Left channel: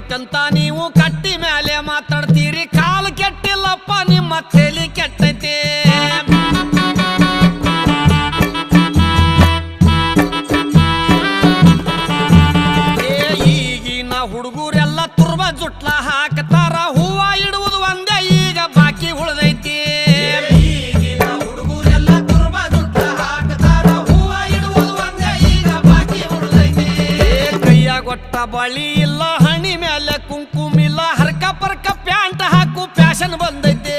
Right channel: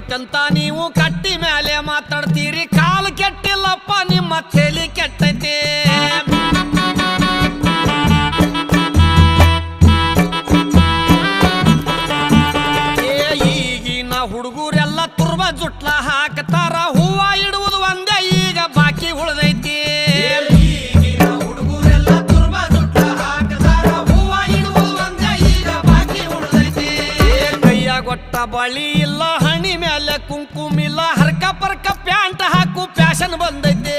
ಕೆಟ್ಟೈತಂತ ನೀವು ಕಟ್ಟಿ ಮೇಲೆ ಮಾತಾಡ್ತೀರಿ ಕಾಲು ಕೆಟ್ಟಿಲ್ಲಪ್ಪ ನಿಮ್ಮ ತಲೆ ಕೆಟ್ಟೈತೆ ಈಗಿನ ಹುಡುಗರೆಲ್ಲ ತುರ್ಬ ಜುಟ್ಲ ಹಾಕ್ತಾರ ಹೂವ ಇಡುವುದು ಒಂದೇ ಈಗ ಬಾಕಿ ಉಳ್ದೈತಿ ಗೊಟ್ಟ ಬಳಿ ಇಲ್ಲ ಹಣಿ ಮೇಲೆ ಕುಂಕುಮಿಲ್ಲ ಹರ್ಕ ಪರ್ಕ ಪ್ಯಾಂಟ್ ಹಾಕು ಫ್ಯಾಷನ್ ಬಂದೈತೆ